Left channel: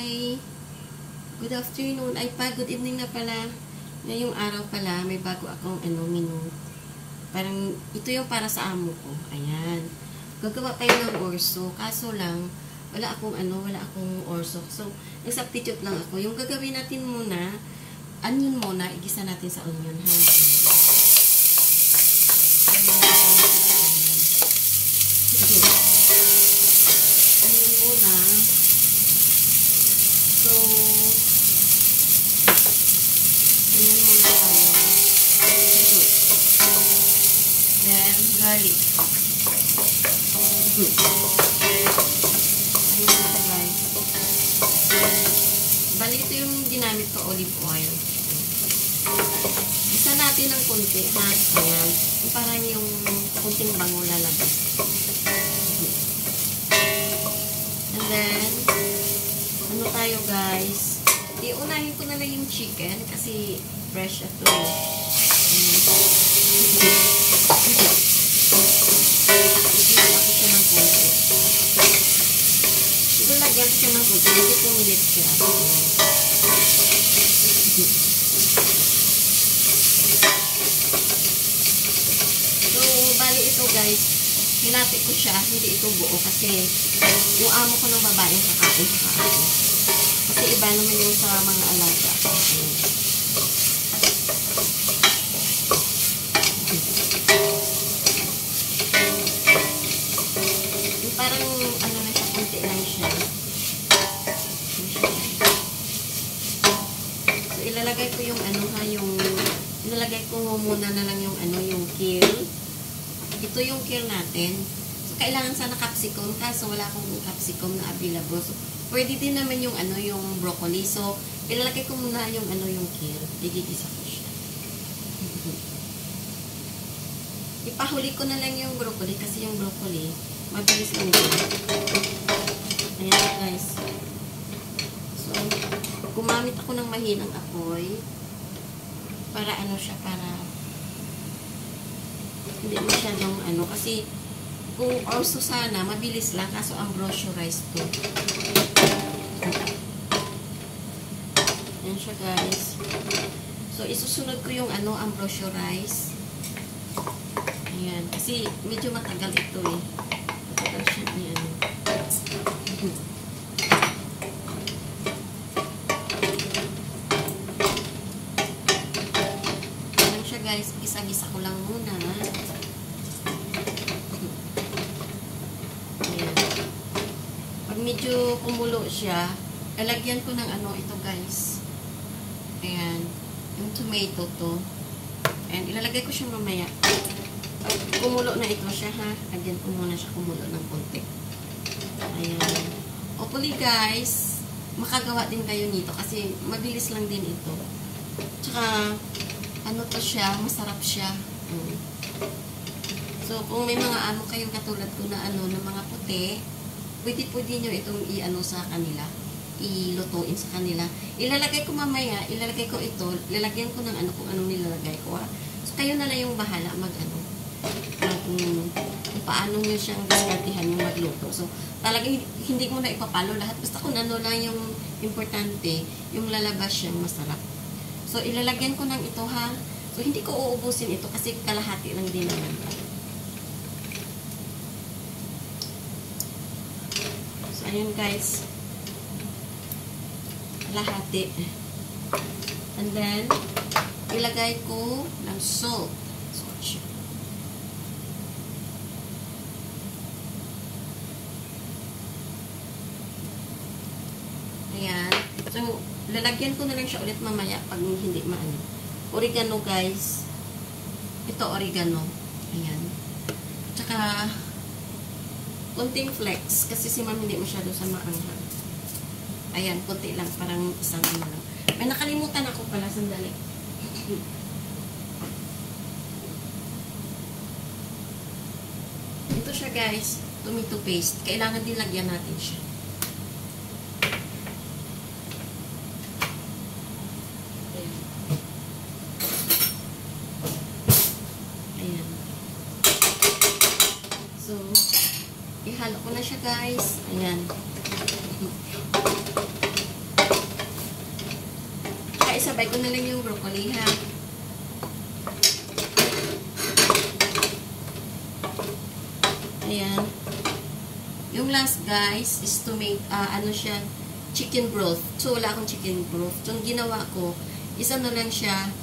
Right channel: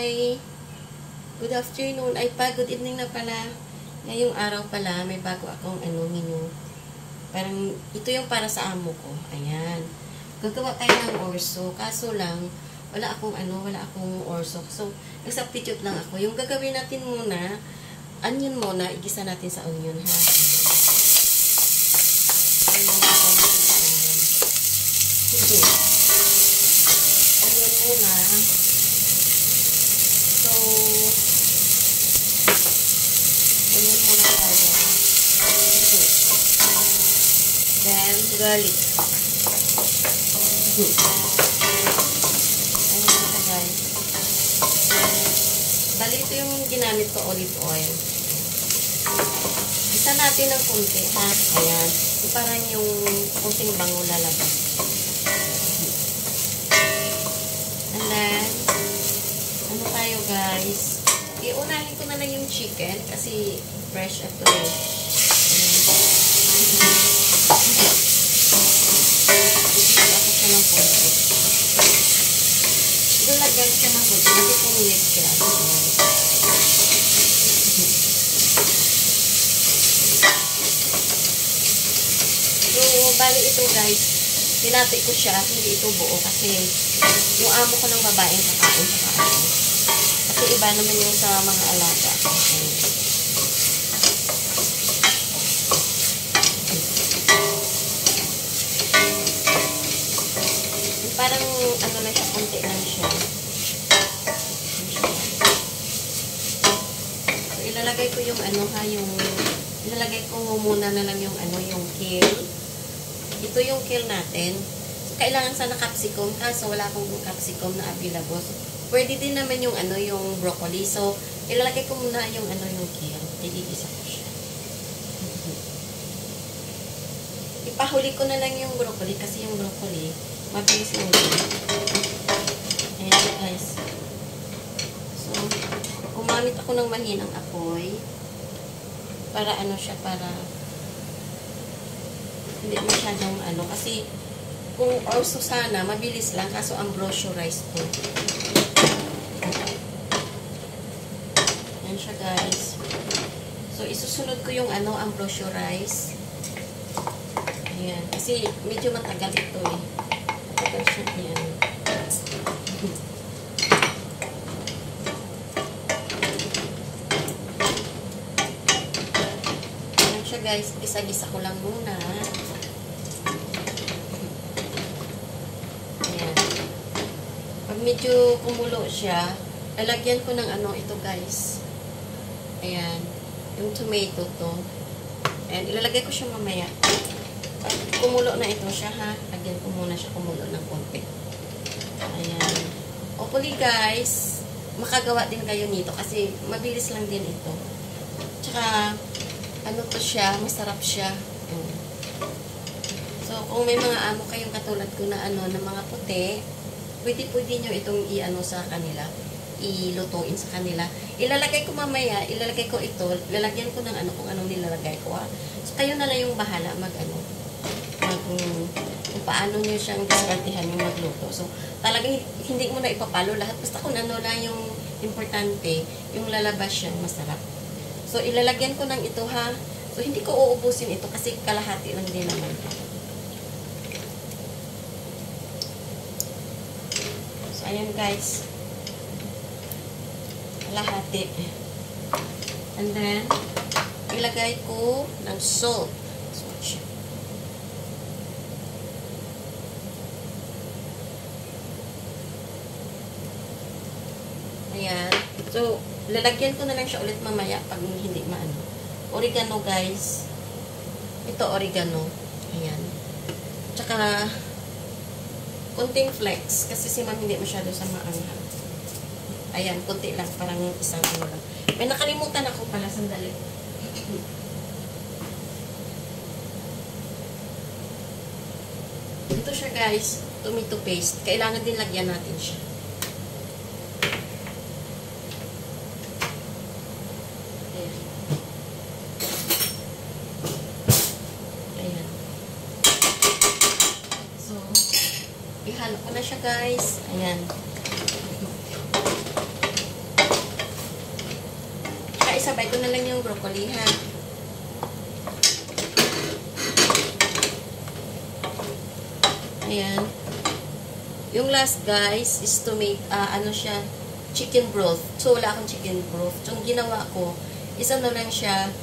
Hi, good afternoon. Good evening na pala. Ngayong araw pala, may bago akong menu. Parang, ito yung para sa amo ko. Ayan. Gagawa tayo ng orso. Kaso lang, wala akong orso. So, nag-substitute lang ako. Yung gagawin natin muna, onion muna, igisa natin sa onion, ha? Onion muna. So, ayan muna tayo. Then, garlic. Ayan muna guys. Bali, ito yung ginamit ko, olive oil. Isa natin ng kunti, ha? Ayan. Parang yung kunting bango lalabas. And then, ano tayo guys, iunahin ko na lang yung chicken kasi fresh ito. Bigyan ako siya ng konti. Ilagyan ko siya ng konti kasi pumilit siya. So, bali ito guys, nilati ko siya, hindi ito buo kasi yung amo ko ng babae kakain sa kain. Kasi iba naman yung sa mga alaga. Yung parang ano na siya, konti lang siya. So, ilalagay ko yung ilalagay ko muna na lang yung yung kale. Ito yung kale natin. So, kailangan sana capsicum, kaso wala akong capsicum na available. So, pwede din naman yung yung broccoli. So, ilalagay ko muna yung yung kale. Igigisa ko siya. Ipahuli ko na lang yung broccoli kasi yung broccoli mabilis lang din. Ayan guys. So, gumamit ako ng mahinang apoy para siya, para hindi masyadong kasi kung orso sana, mabilis lang, kaso ang brochure rice to. Yan siya guys. So, isusunod ko yung ang brochure rice. Ayan. Kasi medyo matagal ito eh. Matagal siya yan. Ayan siya guys. Gisa-gisa ko lang muna. Ayan. Pag medyo kumulo siya, lalagyan ko ng ito guys. Ayan. Yung tomato to. And ilalagay ko siya mamaya. Pag kumulo na ito siya, ha? Lagyan ko muna siya kumulo ng konti. Ayan. Hopefully guys, makagawa din kayo nito kasi mabilis lang din ito. Tsaka, to siya, masarap siya. So, kung may mga amo kayong katulad ko na ng mga puti, pwede nyo itong sa kanila. Ilutuin sa kanila. Ilalagay ko mamaya, ilalagay ko ito, lalagyan ko ng kung anong nilalagay ko, ha. So, kayo na lang yung bahala kung paano nyo siyang diskartihan yung magluto. So, talagang hindi mo na ipapalo lahat. Basta kung ano lang yung importante, yung lalabas siyang masarap. So, ilalagyan ko ng ito, ha. So, hindi ko uubusin ito kasi kalahati lang din naman. So, ayan guys. Kalahati. And then, ilagay ko ng salt. Ayan. So, lalagyan ko na lang siya ulit mamaya pag hindi maano. Oregano guys. Ito oregano. Ayan. Tsaka, konting flex. Kasi si ma'am hindi masyado sa maanghang. Ayan, konti lang. Parang isang lang. May nakalimutan ako pala. Sandali. Ito siya guys. Tomato paste. Kailangan din lagyan natin siya. Ayan. Ayan. So, ihalo ko na siya guys. Ayan. ko na lang yung broccoli, ha? Ayan. Yung last, guys, is to make, ano siya, chicken broth. So, wala akong chicken broth. So, yung ginawa ko, isa na lang siya,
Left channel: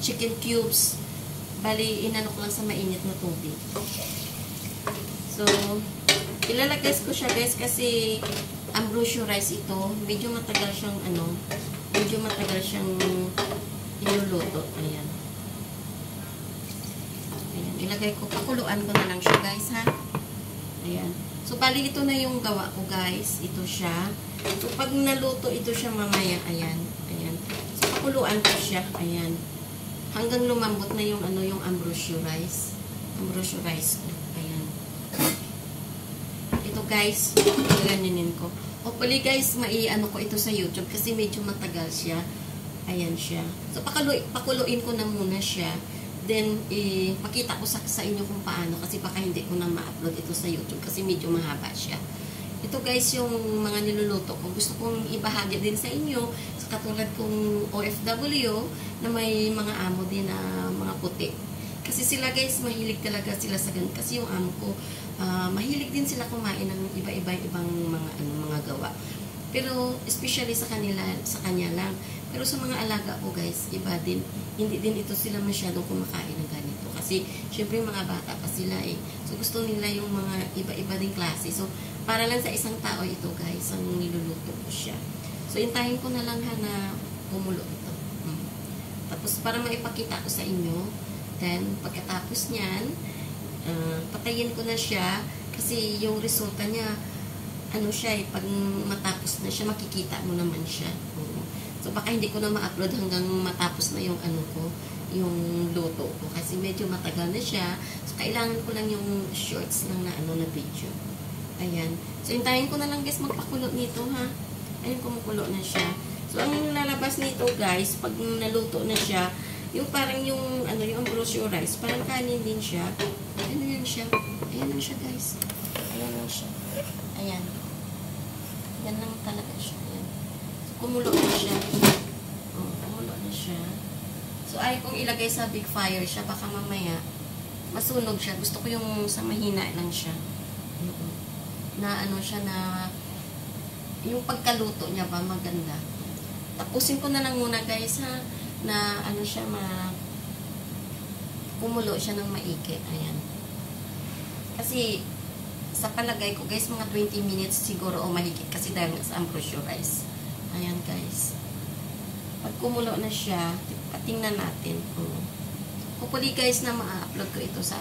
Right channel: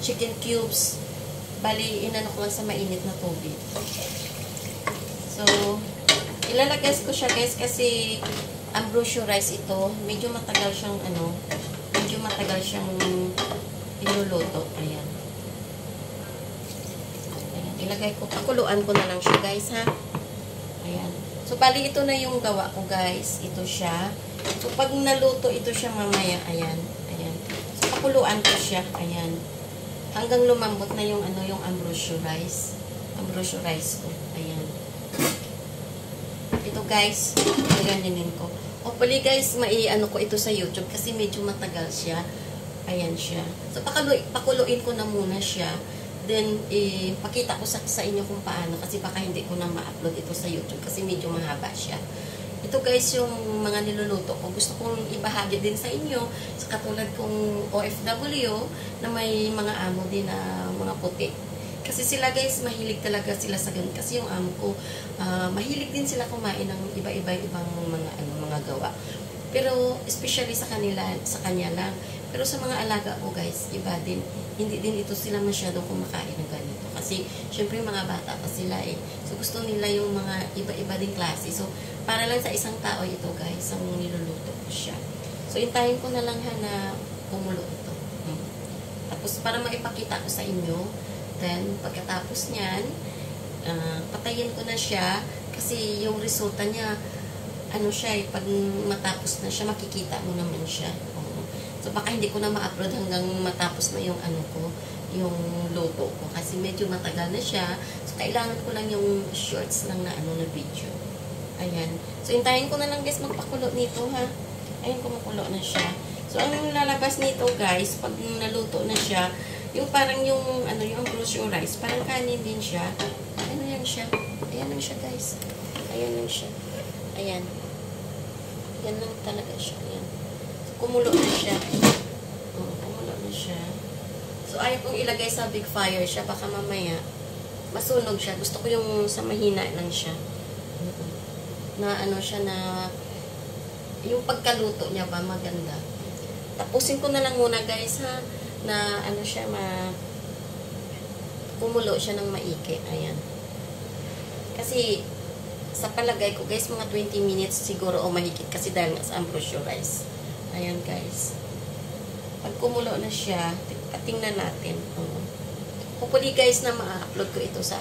chicken cubes. Bali, inano ko lang sa mainit na tubig. So, ilalagay ko siya, guys, kasi ambrosio rice ito. Medyo matagal siyang, inuluto. Ayan. Ayan. Ilagay ko, pakuluan ko na lang siya, guys, ha? Ayan. So, bali, ito na yung gawa ko, guys. Ito siya. So, pag naluto, ito siya mamaya. Ayan. Ayan. So, pakuluan ko siya. Ayan. Hanggang lumambot na yung, yung ambrosio rice. Ambrosio rice ko. Ayan. Ito, guys. Ganyanin ko. Hopefully, guys, ko ito sa YouTube kasi medyo matagal siya. Ayan siya. So, pakuluin ko na muna siya. Then, pakita ko sa inyo kung paano kasi baka hindi ko na ma-upload ito sa YouTube kasi medyo mahaba siya. Ito, guys, yung mga niluluto ko. Gusto kong ibahagi din sa inyo sa katulad kong OFW na may mga amo din na mga puti. Kasi sila, guys, mahilig talaga sila sa ganun. Kasi yung amo ko, mahilig din sila kumain ng iba-ibang mga gawa. Pero, especially sa kanya lang. Pero sa mga alaga ko, guys, iba din. Hindi din ito sila masyadong kumakain ng ganito. Kasi, syempre, mga bata pa sila eh. So, gusto nila yung mga iba-iba din klase. So, para lang sa isang tao ito, guys, ang niluluto ko siya. So, intayin ko na lang na kumulo ito. Tapos, para maipakita ko sa inyo, then, pagkatapos niyan, patayin ko na siya kasi yung resulta niya, pag matapos na siya, makikita mo naman siya. So, baka hindi ko na ma-upload hanggang matapos na yung yung luto ko. Kasi medyo matagal na siya. So, kailangan ko lang yung shorts lang na na video. Ayan. So, hintayin ko na lang, guys, magpakulo nito, ha? Ayan, kumukulo na siya. So, ang lalabas nito, guys, pag naluto na siya, yung parang yung ambrosio rice, parang kanin din siya. Ano yan siya? Ayan lang siya, guys. Ayan lang siya. Ayan. Yan lang talaga siya. Ayan. So, kumulo na siya. Kumulo na siya. So, ayaw kong ilagay sa big fire siya. Baka mamaya, masunog siya. Gusto ko yung sa mahina lang siya. Na siya na, yung pagkaluto niya ba, maganda. Tapusin ko na lang muna, guys, ha? Na siya, kumulo siya ng maigi. Ayan. Kasi, sa palagay ko, guys, mga 20 minutes siguro o mahigit kasi dahil sa ambrosio rice. Ayan, guys. Pag kumulo na siya, patingnan natin. Hopefully, guys, na ma-upload ko ito sa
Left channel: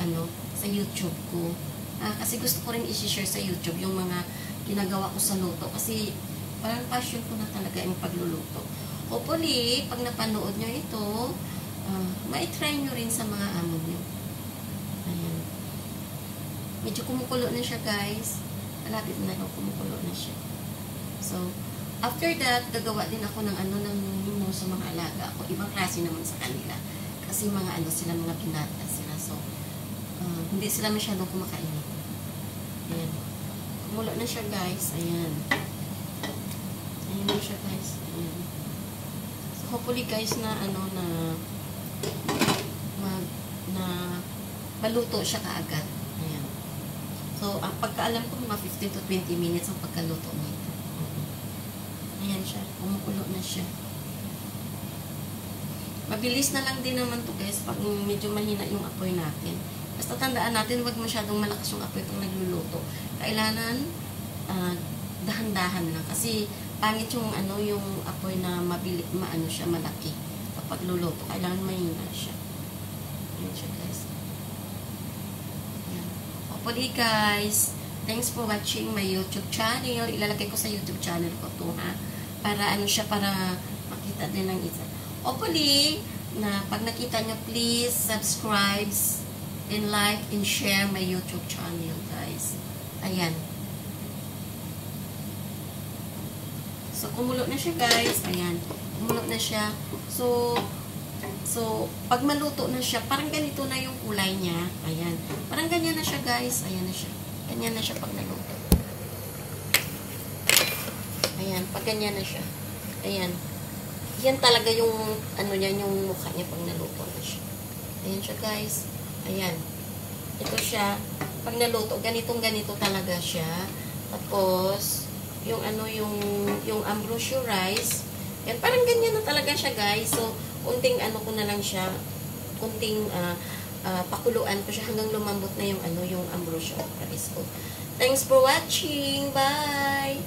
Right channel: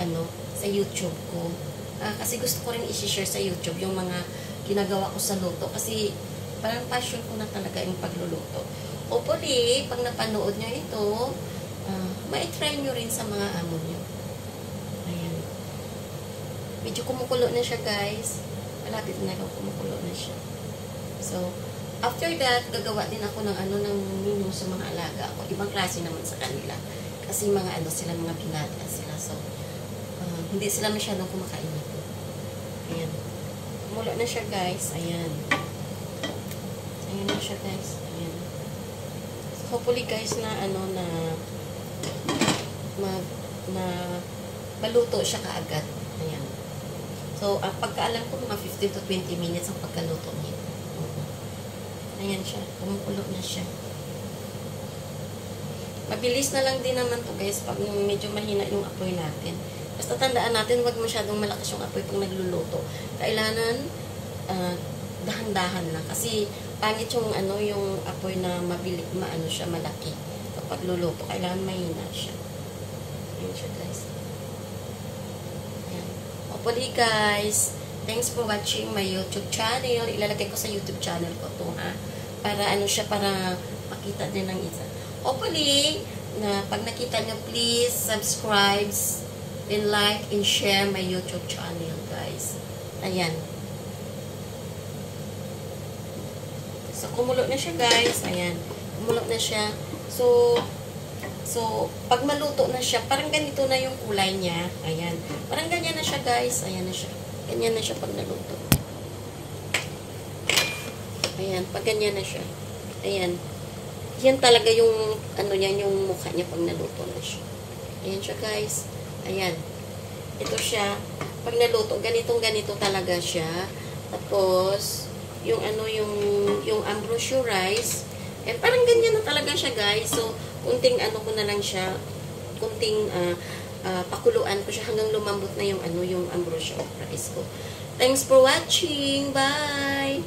sa YouTube ko. Kasi gusto ko rin i-share sa YouTube yung mga ginagawa ko sa luto. Kasi parang passion ko na talaga yung pagluluto. Hopefully, pag napanood nyo ito, ma-try nyo rin sa mga amo nyo. Ayan. Medyo kumukulo na siya, guys. Malapit na lang kumukulo na siya. So, after that, gagawa din ako ng ng menu sa mga alaga ko. Ibang klase naman sa kanila. Kasi mga sila, mga binata sila. So, hindi sila masyadong kumakain nito. Ayan. Kumulo na siya, guys. Ayan. Ayan na siya, guys. Ayan. So, hopefully, guys, na maluto siya kaagad. Ayan. So, pagkaalam ko, mga 15 to 20 minutes ang pagkaluto niya. Ayan siya. Kumukulo na siya. Mabilis na lang din naman to, guys, pag medyo mahina yung apoy natin. Basta tandaan natin, wag masyadong malakas yung apoy kung nagluluto. Kailangan, dahan-dahan na. Kasi, pangit yung, yung apoy na siya, malaki. Kapag luluto, kailangan mahina siya. Ayan siya, guys. Ayan. Hopefully, guys, thanks for watching my YouTube channel. Ilalagay ko sa YouTube channel ko to, ha? Para, para makita din ng isa. Hopefully, na pag nakita nyo, please subscribe and like and share my YouTube channel, guys. Ayan. So, kumulo na siya, guys. Ayan. Kumulo na siya. So, pag maluto na siya, parang ganito na yung kulay niya. Ayan. Parang ganyan na siya, guys. Ayan na siya. Ganyan na siya pag naluto. Ayan. Pag ganyan na siya. Ayan. yan talaga yung, ano niya, yung mukha niya pag naluto na siya. Ayan siya, guys. Ayan. Ito siya. Pag naluto, ganitong-ganito talaga siya. Tapos, yung ano, yung ambrosio rice, eh, parang ganyan na talaga siya, guys. So, kunting ano ko na lang siya, kunting, pakuluan ko siya hanggang lumambot na yung ano, yung ambrosio rice ko. Thanks for watching. Bye!